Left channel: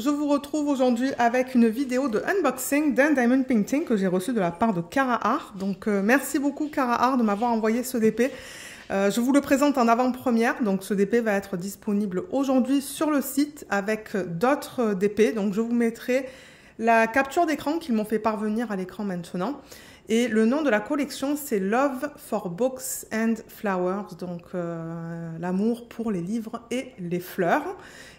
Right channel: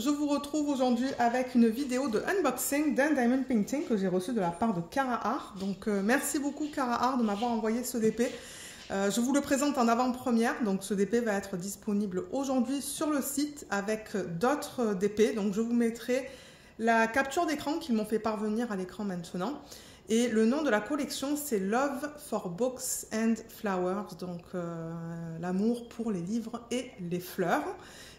je vous retrouve aujourd'hui avec une vidéo de unboxing d'un Diamond Painting que j'ai reçu de la part de Cara Art. Donc merci beaucoup Cara Art de m'avoir envoyé ce DP. Je vous le présente en avant-première, donc ce DP va être disponible aujourd'hui sur le site avec d'autres DP. Donc je vous mettrai la capture d'écran qu'ils m'ont fait parvenir à l'écran maintenant. Et le nom de la collection, c'est Love for Books and Flowers, donc l'amour pour les livres et les fleurs.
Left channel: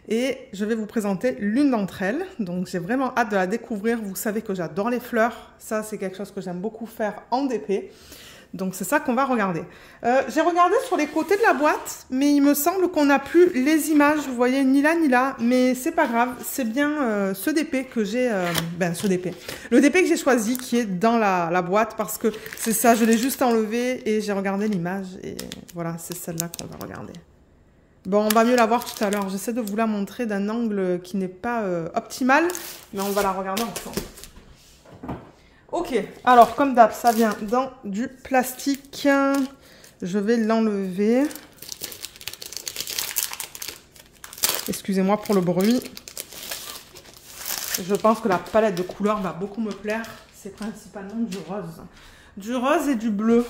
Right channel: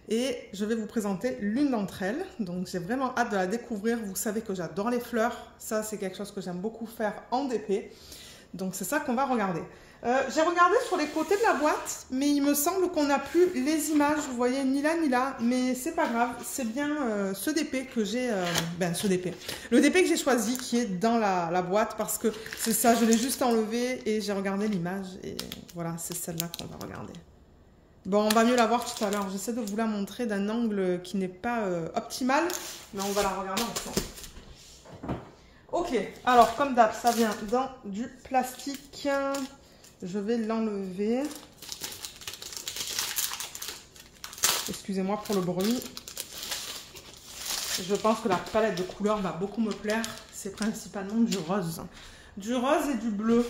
Et je vais vous présenter l'une d'entre elles. Donc j'ai vraiment hâte de la découvrir. Vous savez que j'adore les fleurs. Ça, c'est quelque chose que j'aime beaucoup faire en DP. Donc c'est ça qu'on va regarder. J'ai regardé sur les côtés de la boîte, mais il me semble qu'on n'a plus les images. Vous voyez, ni là ni là, mais c'est pas grave. C'est bien ce DP que j'ai, le DP que j'ai choisi qui est dans la boîte parce que c'est ça. Je l'ai juste enlevé et j'ai regardé l'image et voilà, c'est celle-là qu'on va regarder. Bon, on va mieux la voir tout à l'heure. J'essaie de vous la montrer d'un angle qui n'est pas optimal, mais on va la regarder ensemble. Ok, alors comme d'hab, ça vient dans du plastique. Je vais l'enlever. Excusez-moi pour le bruit. Je pense que la palette de couleurs va beaucoup me plaire. C'est principalement du rose. Du rose et du bleu.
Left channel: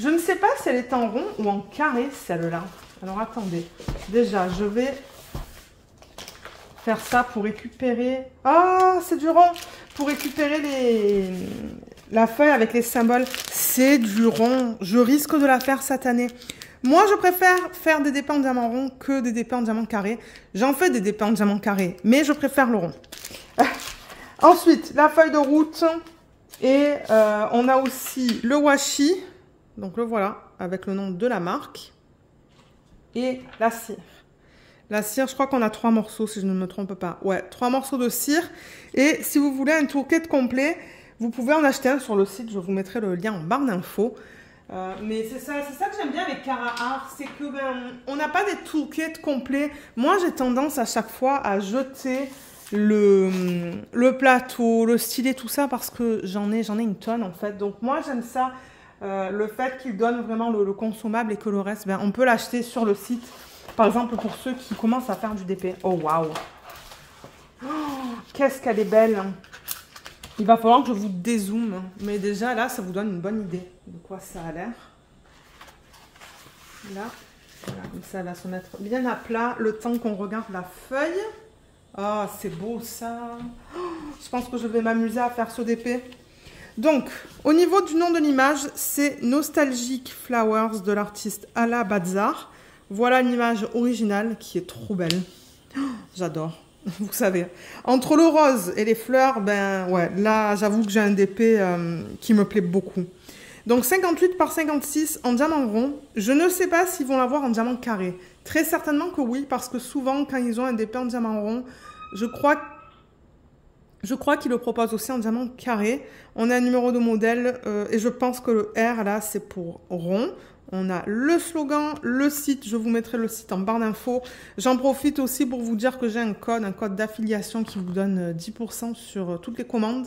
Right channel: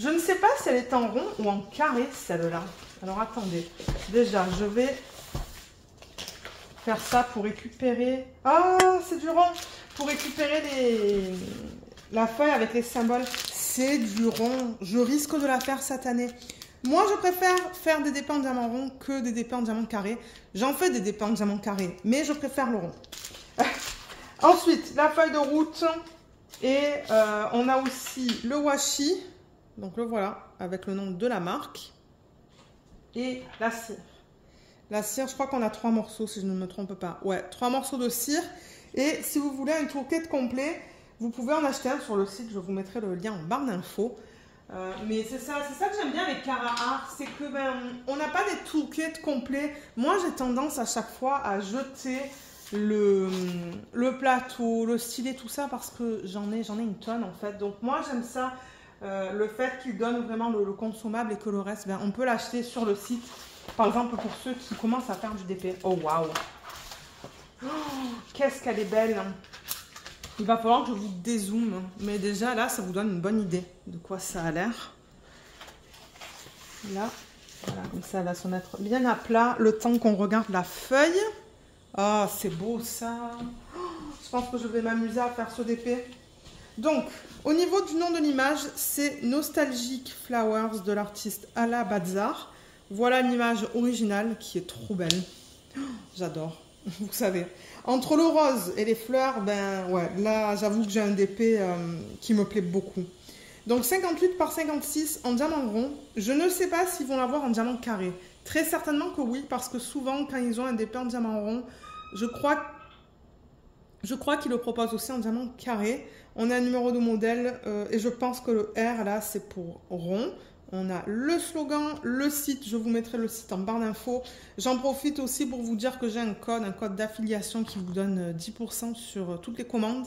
Je ne sais pas si elle est en rond ou en carré, celle-là. Alors attendez. Déjà, je vais faire ça pour récupérer... Ah, c'est du rond. Pour récupérer la feuille avec les symboles. C'est du rond. Je risque de la faire cette année. Moi, je préfère faire des dépins en diamant rond que des dépins en diamant carré. J'en fais des dépins en diamant carré, mais je préfère le rond. Ensuite, la feuille de route. Et on a aussi le washi. Donc le voilà, avec le nom de la marque. Et la cire. La cire, je crois qu'on a 3 morceaux, si je ne me trompe pas. Ouais, 3 morceaux de cire. Et si vous voulez un toolkit complet, vous pouvez en acheter un sur le site. Je vous mettrai le lien en barre d'infos. Mais c'est ça que j'aime bien avec Cara Art, c'est que on n'a pas des toolkits complets. Moi, j'ai tendance à chaque fois à jeter le plateau, le stylet, tout ça, parce que j'en ai une tonne en fait. Donc moi, j'aime ça, le fait qu'ils donnent vraiment le consommable et que le reste, on peut l'acheter sur le site. Par exemple, pour ceux qui commencent à faire du DP. Oh, waouh! Oh, qu'est-ce qu'elle est belle! Il va falloir que je vous dézoome. Mais déjà, là, ça vous donne une bonne idée de quoi ça a l'air. Là, voilà, comme ça, elle va se mettre bien à plat le temps qu'on regarde la feuille. Oh, c'est beau, ça! Oh, je pense que je vais m'amuser à faire ce DP. Donc, au niveau du nom de l'image, c'est Nostalgic Flowers de l'artiste Ala Bazar. Voilà l'image originale qui est trop belle. Oh, j'adore. Vous savez. Entre le rose et les fleurs, ouais, là, j'avoue que j'ai un DP qui me plaît beaucoup. Donc, 58 par 56 en diamant rond. Je ne sais pas s'ils vont l'avoir en diamant carré. Très certainement que oui, parce que souvent, quand ils ont un DP en diamant rond, je crois qu'ils le proposent aussi en diamant carré. On a un numéro de modèle et je pense que le R, là, c'est pour rond. On a le slogan, le site, je vous mettrai le site en barre d'infos. J'en profite aussi pour vous dire que j'ai un code d'affiliation qui vous donne 10% sur toutes les commandes.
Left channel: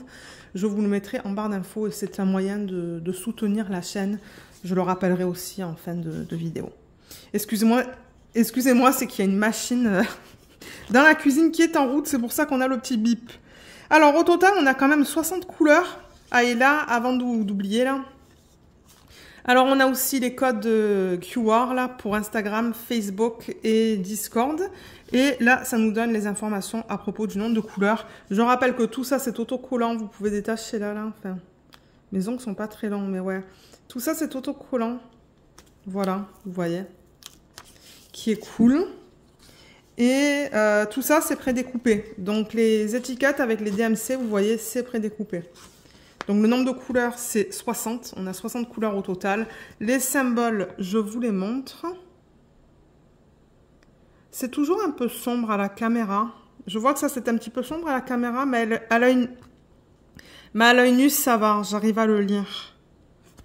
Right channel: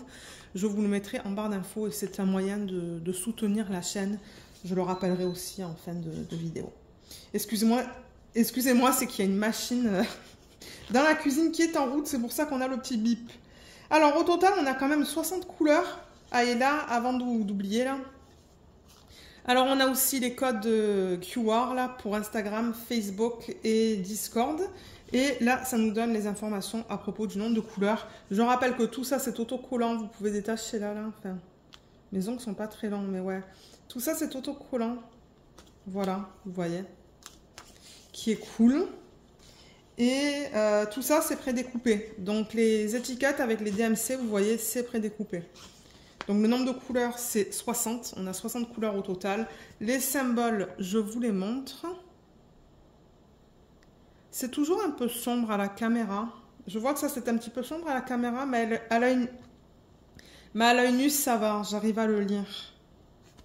Je vous le mettrai en barre d'infos et c'est un moyen de soutenir la chaîne. Je le rappellerai aussi en fin de vidéo. Excusez-moi, c'est qu'il y a une machine dans la cuisine qui est en route, c'est pour ça qu'on a le petit bip. Alors au total, on a quand même 60 couleurs. Ah et là, avant d'oublier là. Alors, on a aussi les codes QR là, pour Instagram, Facebook et Discord. Et là, ça nous donne les informations à propos du nombre de couleurs. Je rappelle que tout ça, c'est autocollant. Vous pouvez détacher là. Enfin, mes ongles sont pas très longs, mais ouais. Tout ça, c'est autocollant. Voilà, vous voyez. Qui est cool. Et tout ça, c'est prédécoupé. Donc, les étiquettes avec les DMC, vous voyez, c'est prédécoupé. Donc, le nombre de couleurs, c'est 60. On a 60 couleurs au total. Les symboles, je vous les montre. C'est toujours un peu sombre à la caméra. Je vois que ça, c'est un petit peu sombre à la caméra, mais à l'œil nu, ça va. J'arrive à le lire.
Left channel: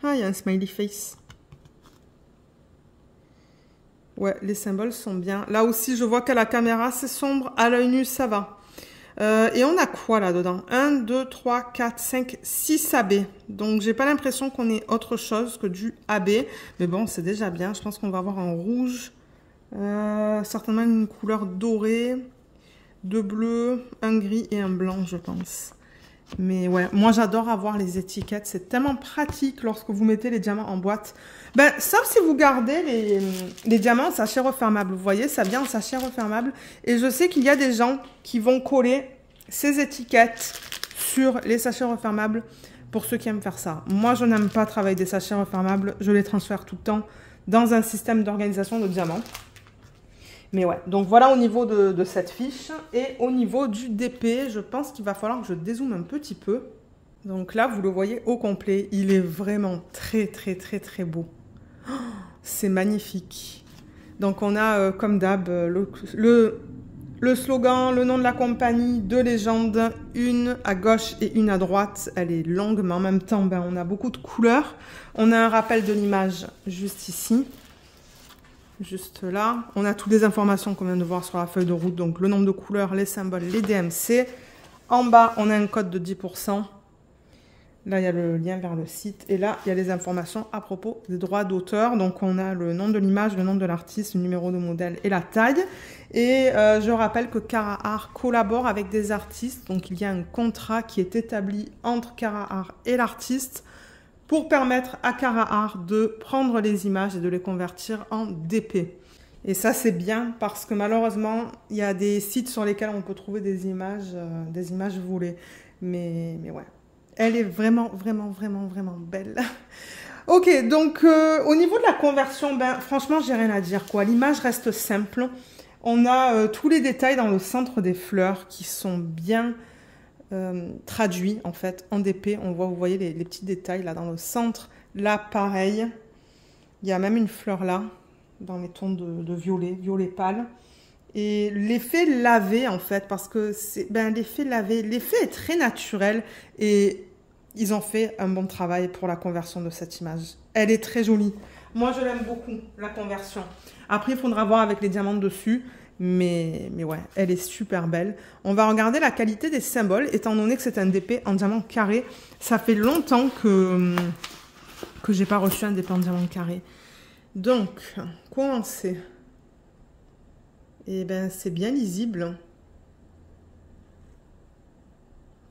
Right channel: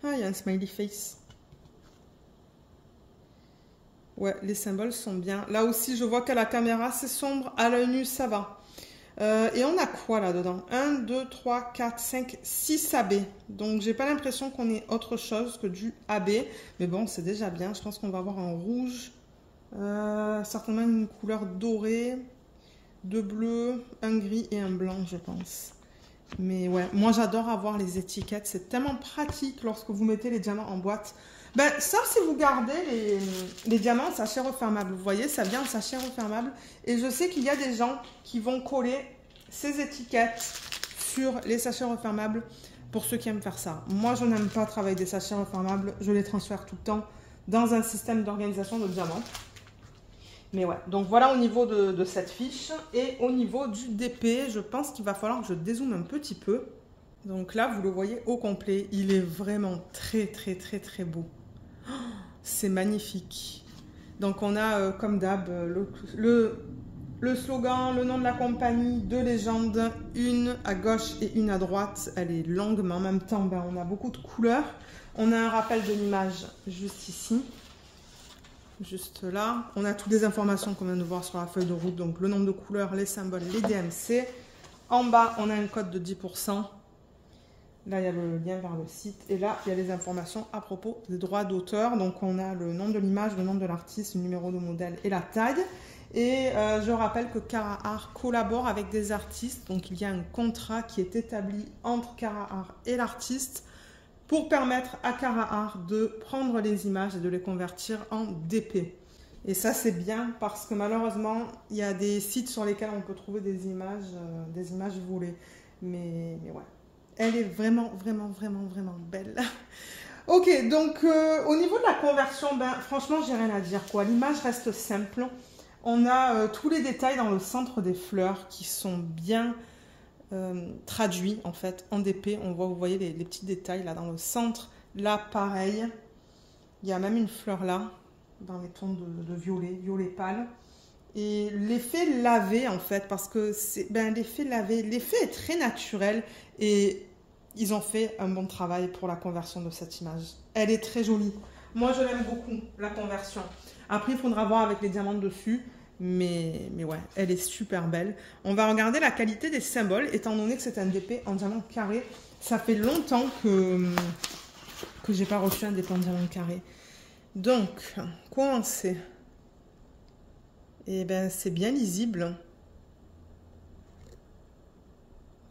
Ah, il y a un smiley face. Ouais, les symboles sont bien. Là aussi, je vois qu'à la caméra, c'est sombre. À l'œil nu, ça va. Et on a quoi là-dedans? 1, 2, 3, 4, 5, 6 AB. Donc, j'ai pas l'impression qu'on ait autre chose que du AB. Mais bon, c'est déjà bien. Je pense qu'on va avoir un rouge. Certainement une couleur dorée. deux bleus, un gris et un blanc, je pense. Mais ouais, moi j'adore avoir les étiquettes. C'est tellement pratique lorsque vous mettez les diamants en boîte. Ben, sauf si vous gardez les diamants en sachet refermable. Vous voyez, ça vient en sachet refermable. Et je sais qu'il y a des gens qui vont coller ces étiquettes sur les sachets refermables pour ceux qui aiment faire ça. Moi, je n'aime pas travailler des sachets refermables. Je les transfère tout le temps dans un système d'organisation de diamants. Mais ouais, donc voilà au niveau de cette fiche. Et au niveau du DP, je pense qu'il va falloir que je dézoome un petit peu. Donc là, vous le voyez au complet. Il est vraiment très, très, très, très beau. Oh, c'est magnifique. Donc on a, comme d'hab, le slogan, le nom de la compagnie, deux légendes, une à gauche et une à droite. Elle est longue, mais en même temps, ben, on a beaucoup de couleurs. On a un rappel de l'image juste ici. Juste là. On a toutes les informations qu'on vient de voir sur la feuille de route. Donc le nombre de couleurs, les symboles, les DMC. En bas, on a un code de 10%. Là, il y a le lien vers le site. Et là, il y a les informations à propos des droits d'auteur. Donc, on a le nom de l'image, le nom de l'artiste, le numéro de modèle et la taille. Et je rappelle que Cara Art collabore avec des artistes. Donc, il y a un contrat qui est établi entre Cara Art et l'artiste pour permettre à Cara Art de prendre les images et de les convertir en DP. Et ça, c'est bien parce que malheureusement, il y a des sites sur lesquels on peut trouver des images volées. Mais ouais. Elle est vraiment, vraiment, vraiment, vraiment belle. Ok, donc au niveau de la conversion, ben, franchement, j'ai rien à dire, quoi. L'image reste simple. On a tous les détails dans le centre des fleurs qui sont bien traduits, en fait, en DP. On voit, vous voyez les petits détails là dans le centre. Là, pareil. Il y a même une fleur là, dans les tons de violet, violet pâle. Et l'effet lavé, en fait, parce que c'est l'effet lavé, l'effet est très naturel et ils ont fait un bon travail pour la conversion de cette image. Elle est très jolie. Moi, je l'aime beaucoup, la conversion. Après, il faudra voir avec les diamants dessus, mais ouais, elle est super belle. On va regarder la qualité des symboles, étant donné que c'est un DP en diamant carré. Ça fait longtemps que j'ai pas reçu un DP en diamant carré. Donc, commencer. Et ben, c'est bien lisible.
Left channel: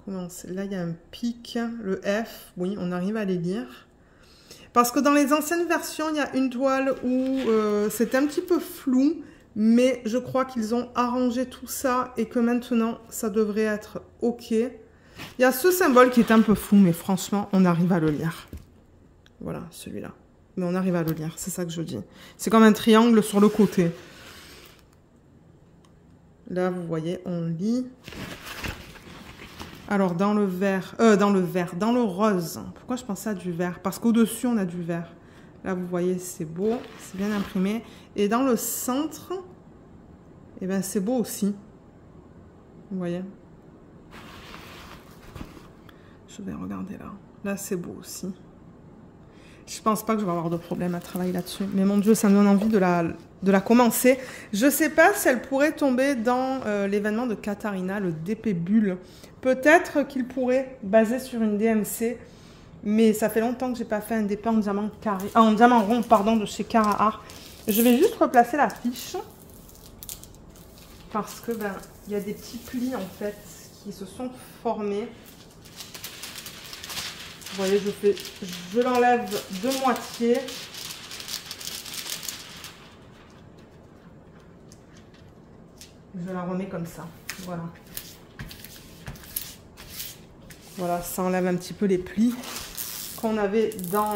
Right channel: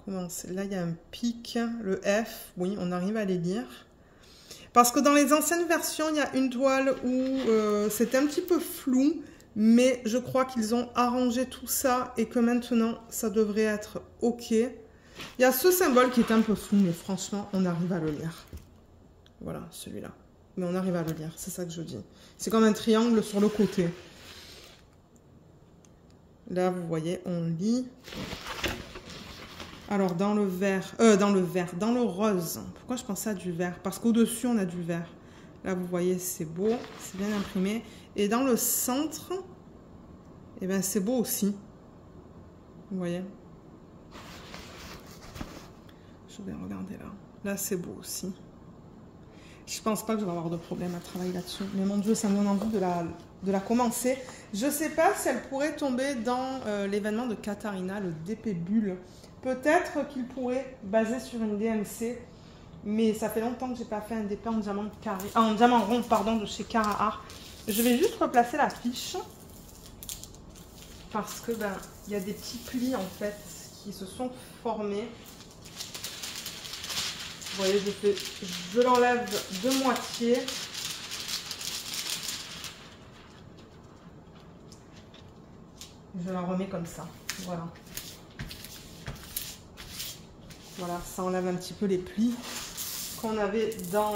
Là, il y a un pic, le F, oui, on arrive à les lire. Parce que dans les anciennes versions, il y a une toile où c'est un petit peu flou, mais je crois qu'ils ont arrangé tout ça et que maintenant, ça devrait être OK. Il y a ce symbole qui est un peu flou, mais franchement, on arrive à le lire. Voilà, celui-là. Mais on arrive à le lire, c'est ça que je dis. C'est comme un triangle sur le côté. Là, vous voyez, on lit. Alors, dans le rose. Pourquoi je pensais à du vert? Parce qu'au-dessus, on a du vert. Là, vous voyez, c'est beau. C'est bien imprimé. Et dans le centre, eh ben, c'est beau aussi. Vous voyez? Je vais regarder là. Là, c'est beau aussi. Je pense pas que je vais avoir de problème à travailler là-dessus. Mais mon Dieu, ça me donne envie de la commencer. Je sais pas si elle pourrait tomber dans l'événement de Katharina, le DP Bulle. Peut-être qu'il pourrait baser sur une DMC, mais ça fait longtemps que j'ai pas fait un DP en diamant carré, en diamant rond, pardon, de chez Cara Art. Je vais juste replacer la fiche parce que ben il y a des petits plis en fait qui se sont formés. Vous voyez, je l'enlève de moitié. Je la remets comme ça. Voilà. Voilà, ça enlève un petit peu les plis qu'on avait dans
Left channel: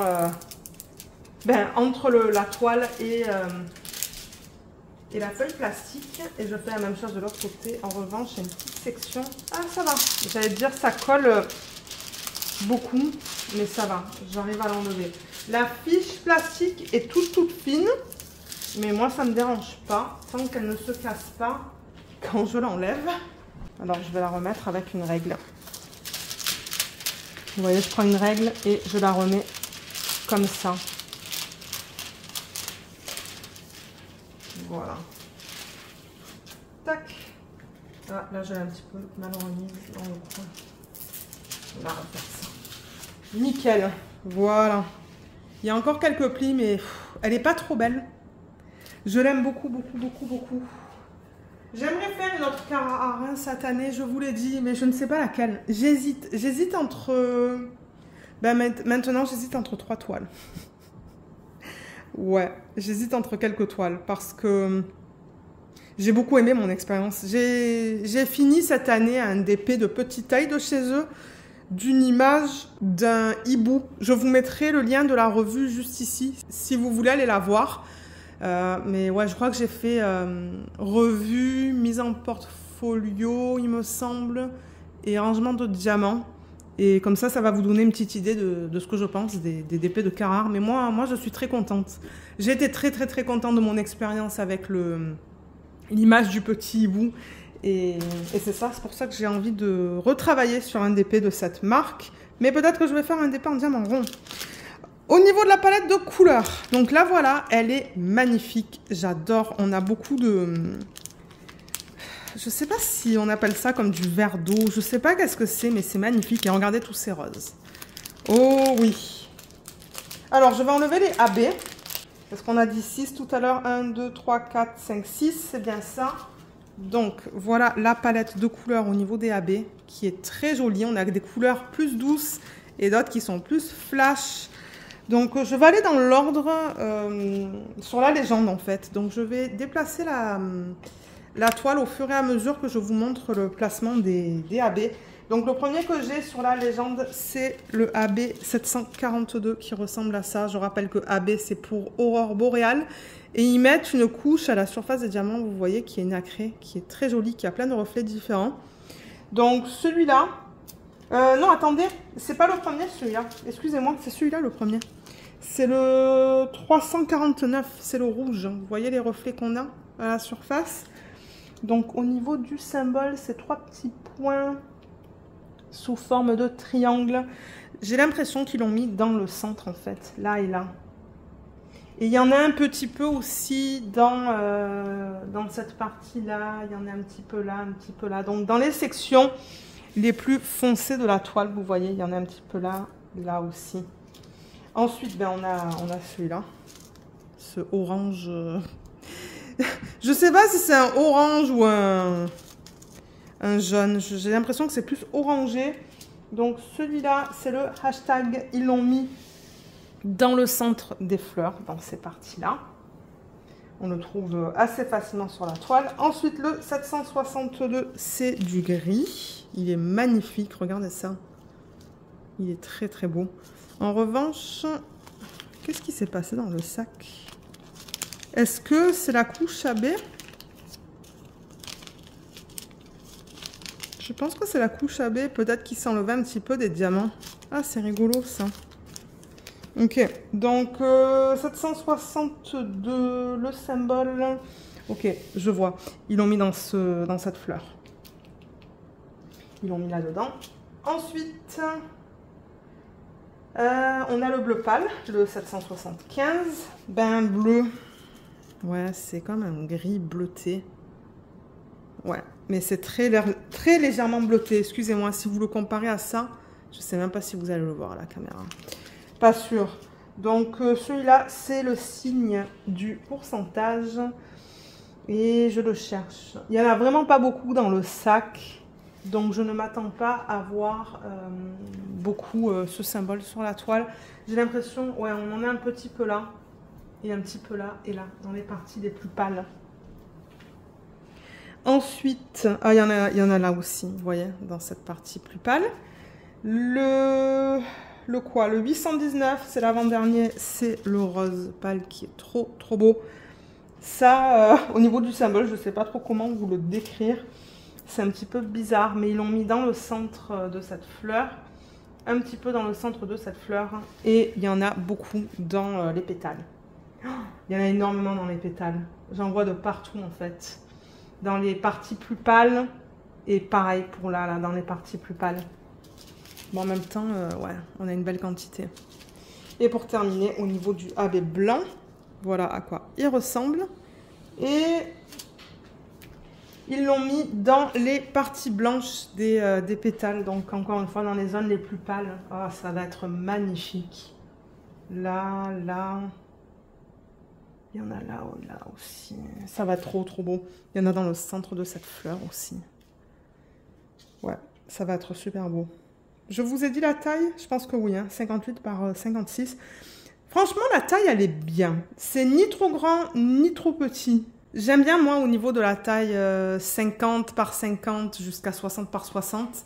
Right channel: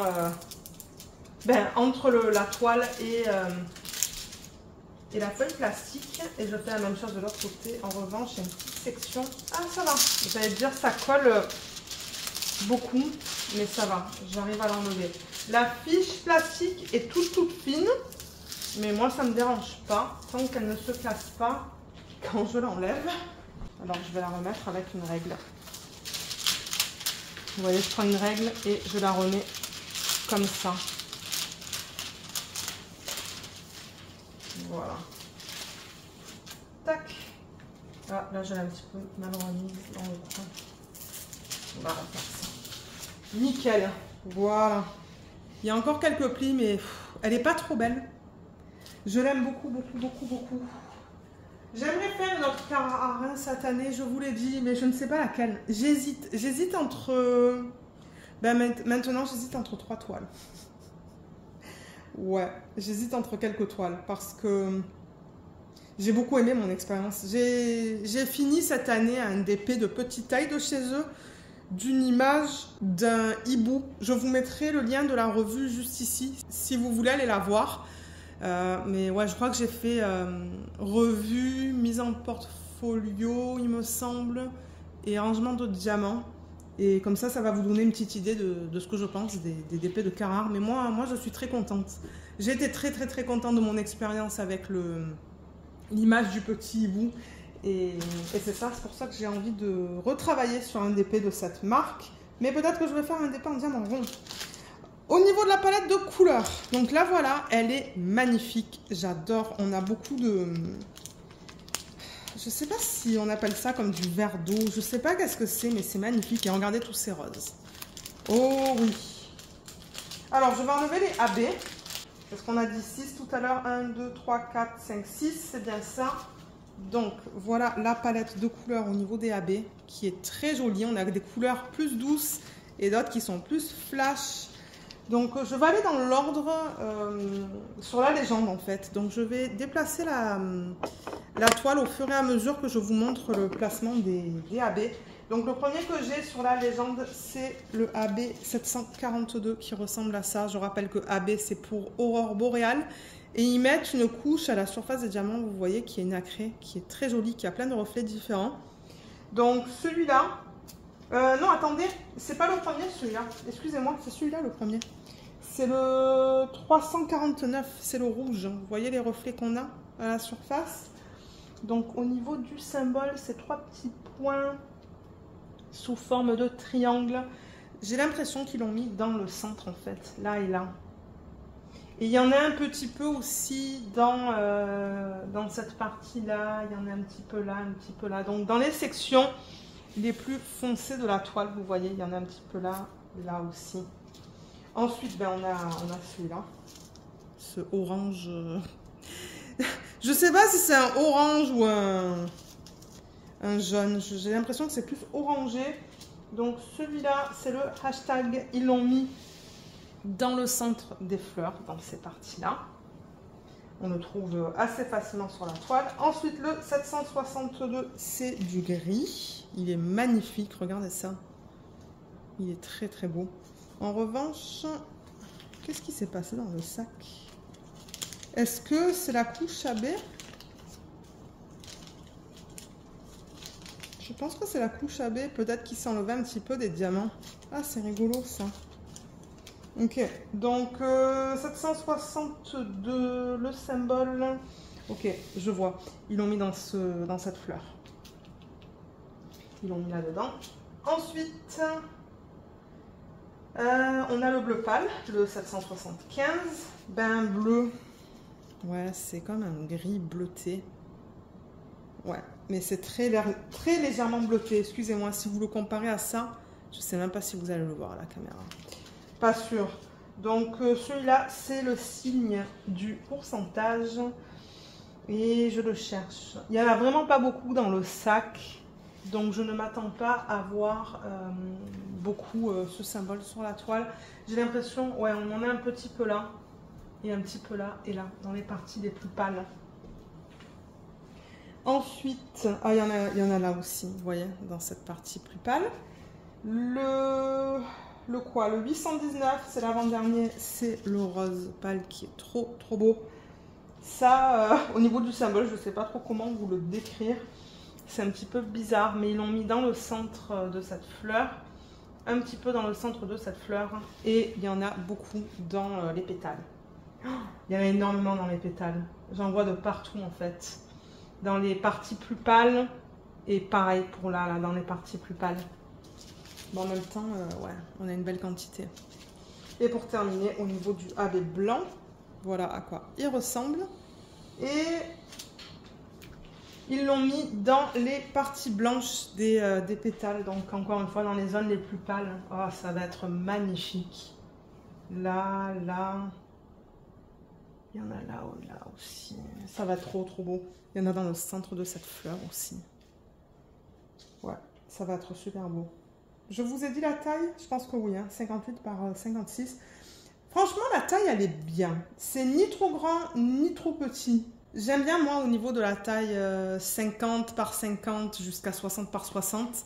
entre la toile et la feuille plastique. Et je fais la même chose de l'autre côté. En revanche, il y a une petite section. Ah, ça va. J'allais dire ça colle beaucoup, mais ça va. J'arrive à l'enlever. La fiche plastique est toute fine, mais moi, ça ne me dérange pas tant qu'elle ne se casse pas quand je l'enlève. Alors, je vais la remettre avec une règle. Vous voyez, je prends une règle et je la remets comme ça. Voilà. Tac. Ah, là, j'ai un petit peu mal remise dans le coin. On va refaire ça. Nickel. Voilà. Il y a encore quelques plis, mais elle n'est pas trop belle. Je l'aime beaucoup, beaucoup, beaucoup, beaucoup. J'aimerais faire une autre Carrare cette année, je vous l'ai dit, mais je ne sais pas laquelle. J'hésite entre... maintenant, j'hésite entre 3 toiles. Ouais, j'hésite entre quelques toiles parce que j'ai beaucoup aimé mon expérience. J'ai fini cette année un DP de petite taille de chez eux, d'une image d'un hibou. Je vous mettrai le lien de la revue juste ici, si vous voulez aller la voir. Mais ouais, je crois que j'ai fait revue, mise en portfolio, il me semble, et rangement de diamants. Et comme ça va vous donner une petite idée de ce que je pense des DP de Carrare. Mais moi, je suis très contente. J'ai été très contente de mon expérience avec l'image du petit hibou. Et c'est ça, c'est pour ça que j'ai envie de retravailler sur un DP de cette marque. Mais peut-être que je vais faire un DP en diamant rond. Au niveau de la palette de couleurs, donc là voilà, elle est magnifique. J'adore. On a beaucoup de... Je sais pas si on appelle ça comme du verre d'eau. Je sais pas qu'est-ce que c'est, mais c'est magnifique. Et regardez tous ces roses. Oh oui. Alors, je vais enlever les AB. Parce qu'on a dit 6 tout à l'heure. 1, 2, 3, 4, 5, 6. C'est bien ça. Donc, voilà la palette de couleurs au niveau des AB. Qui est très jolie. On a des couleurs plus douces et d'autres qui sont plus flash. Donc, je vais aller dans l'ordre sur la légende, en fait. Donc, je vais déplacer la toile au fur et à mesure que je vous montre le placement des AB. Donc, le premier que j'ai sur la légende, c'est le AB 742 qui ressemble à ça. Je rappelle que AB, c'est pour Aurore Boréale. Et ils mettent une couche à la surface des diamants, vous voyez, qui est nacrée, qui est très jolie, qui a plein de reflets différents. Donc, celui-là... non, attendez, c'est pas le premier, celui-là. Excusez-moi, c'est celui-là le premier. C'est le 349, c'est le rouge. Vous voyez les reflets qu'on a à la surface. Donc, au niveau du symbole, c'est 3 petits points sous forme de triangle. J'ai l'impression qu'ils l'ont mis dans le centre, en fait, là et là. Et il y en a un petit peu aussi dans cette partie-là. Il y en a un petit peu là, un petit peu là. Donc, dans les sections les plus foncées de la toile, vous voyez, il y en a un petit peu là, là aussi. Ensuite, ben, on a celui-là, ce orange. Je sais pas si c'est un orange ou un jaune. J'ai l'impression que c'est plus orangé. Donc celui-là, c'est le hashtag. Ils l'ont mis dans le centre des fleurs, dans ces parties-là. On le trouve assez facilement sur la toile. Ensuite, le 762, c'est du gris. Il est magnifique, regardez ça. Il est très beau. En revanche, qu'est-ce qui s'est passé dans le sac? Est-ce que c'est la couche AB? Je pense que c'est la couche AB. Peut-être qu'il s'enlevait un petit peu des diamants. Ah, c'est rigolo ça. Ok, donc 762, le symbole. Ok, je vois. Ils l'ont mis dans cette fleur. Ils l'ont mis là-dedans. Ensuite, on a le bleu pâle, le 775. Ben bleu. Ouais, c'est comme un gris bleuté. Ouais, mais c'est très légèrement bleuté. Excusez-moi, si vous le comparez à ça, je ne sais même pas si vous allez le voir à la caméra. Pas sûr. Donc, celui-là, c'est le signe du pourcentage. Et je le cherche. Il n'y en a vraiment pas beaucoup dans le sac. Donc, je ne m'attends pas à voir beaucoup ce symbole sur la toile. J'ai l'impression, ouais, on en a un petit peu là. Et un petit peu là et là, dans les parties les plus pâles. Ensuite, ah, il y en a là aussi, vous voyez, dans cette partie plus pâle. Le 819, c'est l'avant-dernier, c'est le rose pâle qui est trop beau. Ça, au niveau du symbole, je ne sais pas trop comment vous le décrire. C'est un petit peu bizarre, mais ils l'ont mis dans le centre de cette fleur. Un petit peu dans le centre de cette fleur. Et il y en a beaucoup dans les pétales. Il y en a énormément dans les pétales. J'en vois de partout en fait. Dans les parties plus pâles. Et pareil pour là, dans les parties plus pâles. Mais en même temps, ouais, on a une belle quantité. Et pour terminer, au niveau du AB blanc, voilà à quoi il ressemble. Et ils l'ont mis dans les parties blanches des pétales. Donc encore une fois, dans les zones les plus pâles. Oh, ça va être magnifique. Là. Il y en a là aussi. Ça va être trop beau. Il y en a dans le centre de cette fleur aussi. Ouais, ça va être super beau. Je vous ai dit la taille? Je pense que oui, hein, 58 par 56. Franchement, la taille, elle est bien. C'est ni trop grand, ni trop petit. J'aime bien, moi, au niveau de la taille 50 par 50 jusqu'à 60 par 60.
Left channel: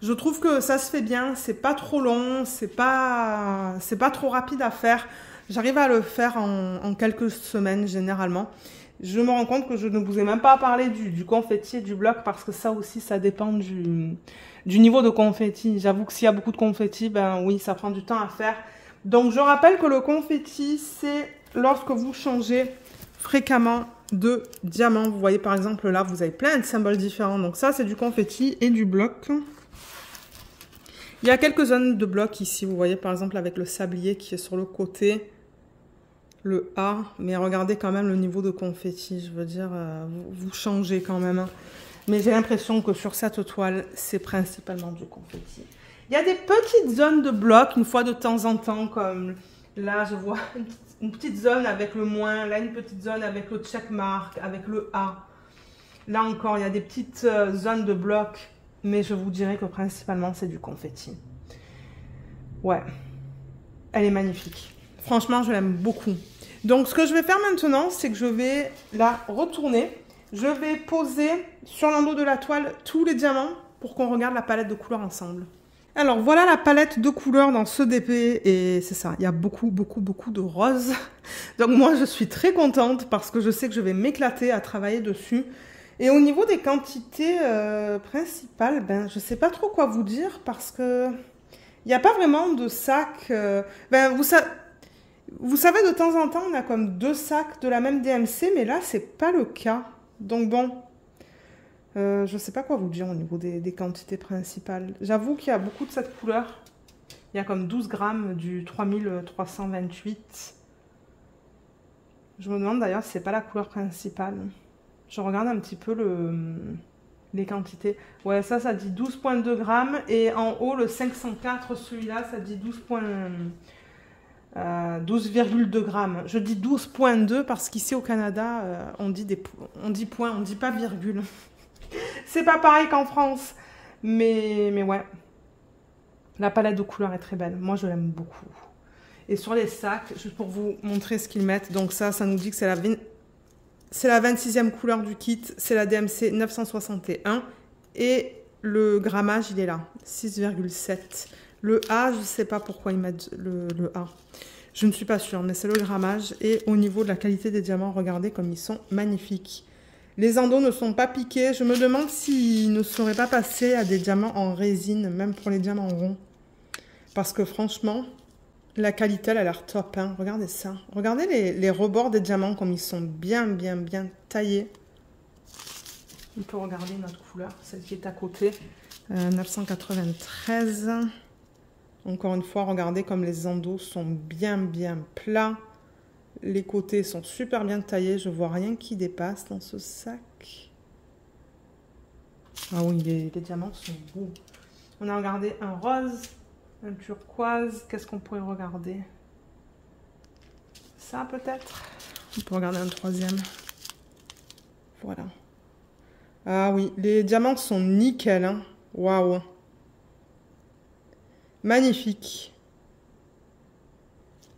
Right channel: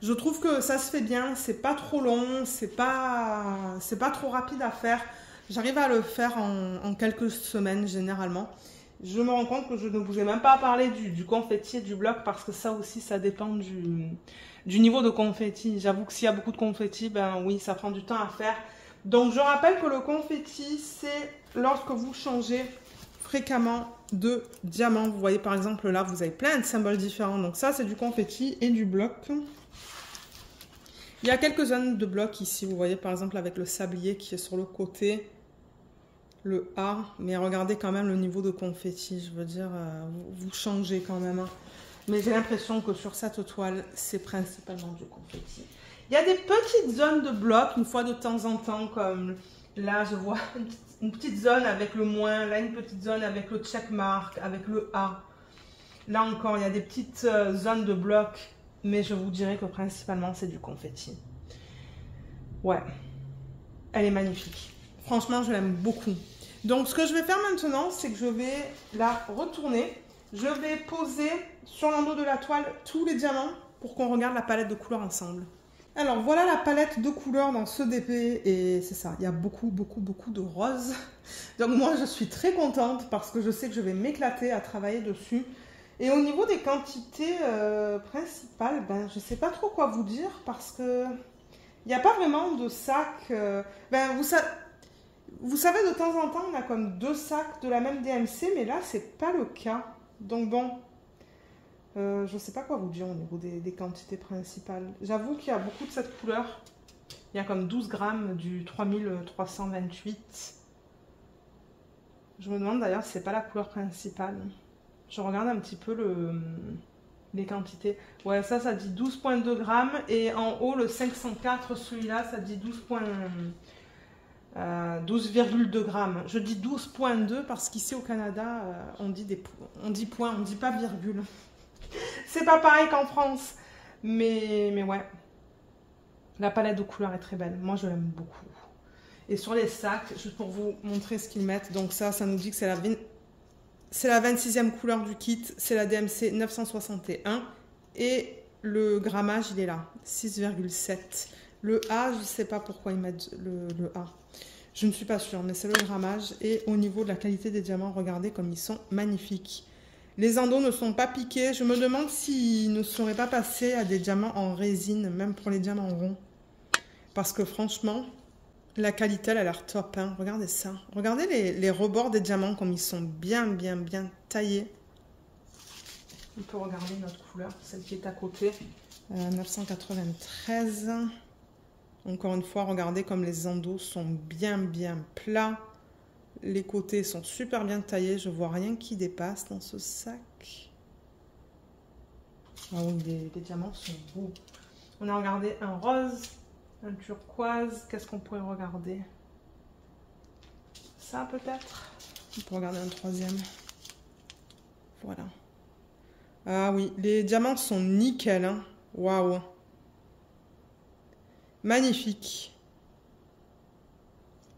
Je trouve que ça se fait bien. C'est pas trop long, c'est pas trop rapide à faire. J'arrive à le faire en quelques semaines, généralement. Je me rends compte que je ne vous ai même pas parlé du confetti et du bloc parce que ça aussi, ça dépend du niveau de confetti. J'avoue que s'il y a beaucoup de confetti, ben oui, ça prend du temps à faire. Donc, je rappelle que le confetti, c'est lorsque vous changez fréquemment de diamant. Vous voyez, par exemple, là, vous avez plein de symboles différents. Donc, ça, c'est du confetti et du bloc. Il y a quelques zones de bloc ici. Vous voyez, par exemple, avec le sablier qui est sur le côté. Le A, mais regardez quand même le niveau de confetti, je veux dire, vous changez quand même. Mais j'ai l'impression que sur cette toile, c'est principalement du confetti. Il y a des petites zones de blocs, une fois de temps en temps, comme là, je vois une petite zone avec le moins, là, une petite zone avec le checkmark, avec le A. Là encore, il y a des petites zones de blocs, mais je vous dirais que principalement, c'est du confetti. Ouais, elle est magnifique. Franchement, je l'aime beaucoup. Donc, ce que je vais faire maintenant, c'est que je vais la retourner. Je vais poser sur l'endos de la toile tous les diamants pour qu'on regarde la palette de couleurs ensemble. Alors, voilà la palette de couleurs dans ce DP. Et c'est ça, il y a beaucoup de roses. Donc, moi, je suis très contente parce que je sais que je vais m'éclater à travailler dessus. Et au niveau des quantités principales, ben, je ne sais pas trop quoi vous dire parce que il n'y a pas vraiment de sac. Vous savez, de temps en temps, on a comme 2 sacs de la même DMC, mais là, c'est pas le cas. Donc bon, je ne sais pas quoi vous dire au niveau des quantités principales. J'avoue qu'il y a beaucoup de cette couleur. Il y a comme 12 grammes du 3328. Je me demande d'ailleurs si c'est pas la couleur principale. Je regarde un petit peu les quantités. Ouais, ça dit 12,2 grammes. Et en haut, le 504, celui-là, ça dit 12,2 grammes. Je dis 12,2 parce qu'ici au Canada, on dit point, on dit pas virgule. C'est pas pareil qu'en France. Mais ouais. La palette de couleurs est très belle. Moi, je l'aime beaucoup. Et sur les sacs, juste pour vous montrer ce qu'ils mettent. Donc ça nous dit que c'est la 26e couleur du kit. C'est la DMC 961. Et le grammage, il est là. 6,7. Le A, je ne sais pas pourquoi ils mettent le A. Je ne suis pas sûre, mais c'est le grammage. Et au niveau de la qualité des diamants, regardez comme ils sont magnifiques. Les endos ne sont pas piqués. Je me demande s'ils ne seraient pas passés à des diamants en résine, même pour les diamants ronds. Parce que franchement, la qualité, elle a l'air top. Hein. Regardez ça. Regardez les rebords des diamants, comme ils sont bien taillés. On peut regarder notre couleur, celle qui est à côté. 993. Encore une fois, regardez comme les endos sont bien plats. Les côtés sont super bien taillés. Je vois rien qui dépasse dans ce sac. Ah oui, les diamants sont beaux. On a regardé un rose, un turquoise. Qu'est-ce qu'on pourrait regarder? Ça peut-être. On peut regarder un troisième. Voilà. Ah oui, les diamants sont nickel. Hein. Waouh. Magnifique.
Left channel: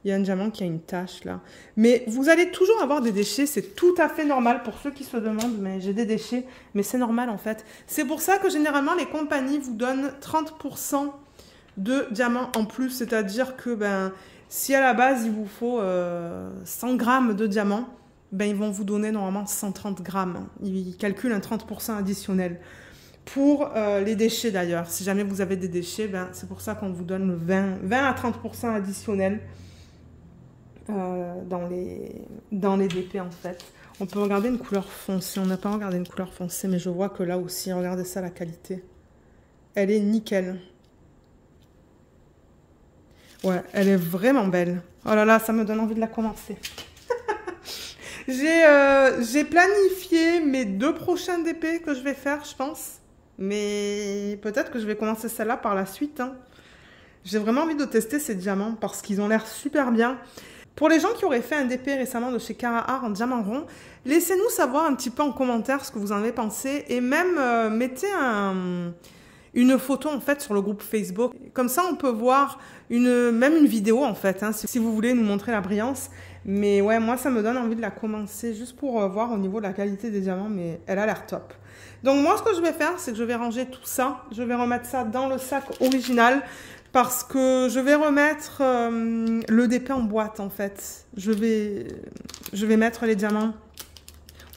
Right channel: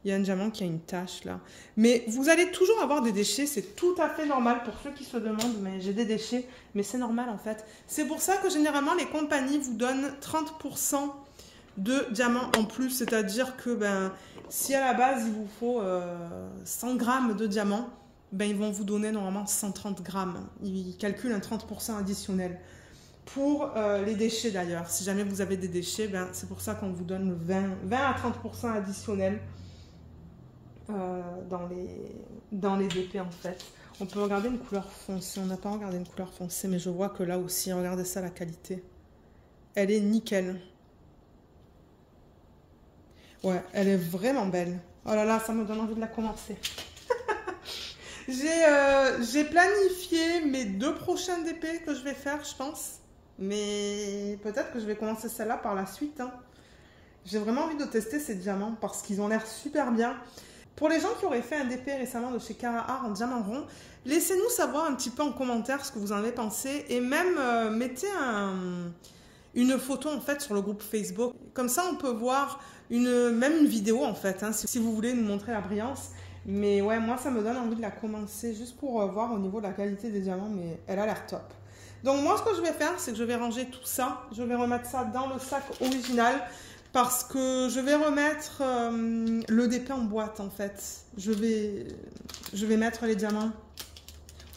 Il y a un diamant qui a une tache là. Mais vous allez toujours avoir des déchets. C'est tout à fait normal pour ceux qui se demandent. Mais j'ai des déchets. Mais c'est normal en fait. C'est pour ça que généralement les compagnies vous donnent 30% de diamants en plus. C'est-à-dire que si à la base il vous faut 100 grammes de diamants, ils vont vous donner normalement 130 grammes. Ils calculent un 30% additionnel. Pour les déchets d'ailleurs, si jamais vous avez des déchets, c'est pour ça qu'on vous donne le 20 à 30% additionnel dans les DP en fait. On peut regarder une couleur foncée, on n'a pas regardé une couleur foncée, mais je vois que là aussi, regardez ça, la qualité. Elle est nickel. Ouais, elle est vraiment belle. Oh là là, ça me donne envie de la commencer. J'ai planifié mes 2 prochains DP que je vais faire, je pense. Mais peut-être que je vais commencer celle-là par la suite. Hein. J'ai vraiment envie de tester ces diamants parce qu'ils ont l'air super bien. Pour les gens qui auraient fait un DP récemment de chez Cara Art en diamant rond, laissez-nous savoir un petit peu en commentaire ce que vous en avez pensé et même mettez une photo en fait sur le groupe Facebook. Comme ça, on peut voir même une vidéo en fait, hein, si vous voulez nous montrer la brillance. Mais ouais, moi, ça me donne envie de la commencer juste pour voir au niveau de la qualité des diamants, mais elle a l'air top. Donc moi, ce que je vais faire, c'est que je vais ranger tout ça. Je vais remettre ça dans le sac original parce que je vais remettre le DP en boîte en fait. Je vais mettre les diamants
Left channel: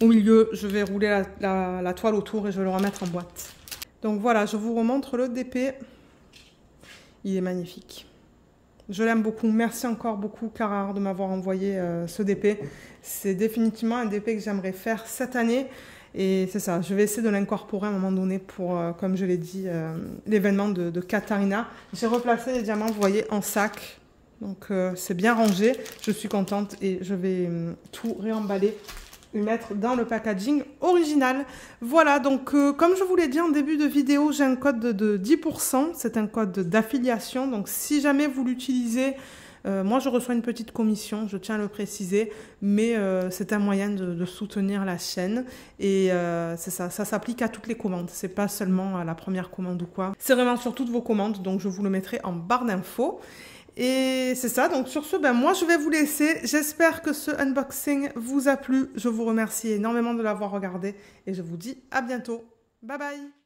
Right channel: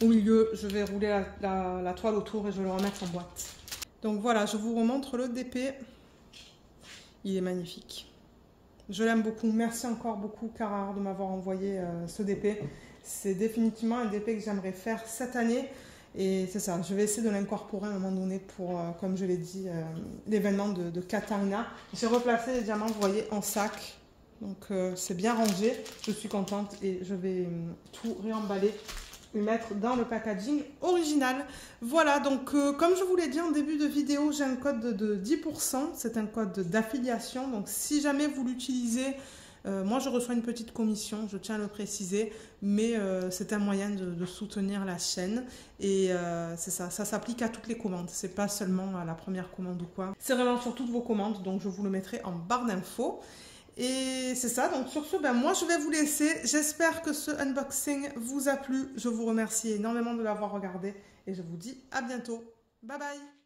au milieu. Je vais rouler la toile autour et je vais le remettre en boîte. Donc voilà, je vous remontre le DP. Il est magnifique. Je l'aime beaucoup. Merci encore beaucoup, Cara Art, de m'avoir envoyé ce DP. C'est définitivement un DP que j'aimerais faire cette année. Et c'est ça, je vais essayer de l'incorporer à un moment donné pour, comme je l'ai dit, l'événement de Katharina. J'ai replacé les diamants, vous voyez, en sac. Donc c'est bien rangé. Je suis contente et je vais tout réemballer et mettre dans le packaging original. Voilà, donc comme je vous l'ai dit en début de vidéo, j'ai un code de 10%. C'est un code d'affiliation. Donc si jamais vous l'utilisez, moi je reçois une petite commission, je tiens à le préciser, mais c'est un moyen de soutenir la chaîne. Et c'est ça, ça s'applique à toutes les commandes. C'est pas seulement à la première commande ou quoi. C'est vraiment sur toutes vos commandes, donc je vous le mettrai en barre d'infos. Et c'est ça, donc sur ce, ben moi je vais vous laisser. J'espère que ce unboxing vous a plu. Je vous remercie énormément de l'avoir regardé et je vous dis à bientôt. Bye bye!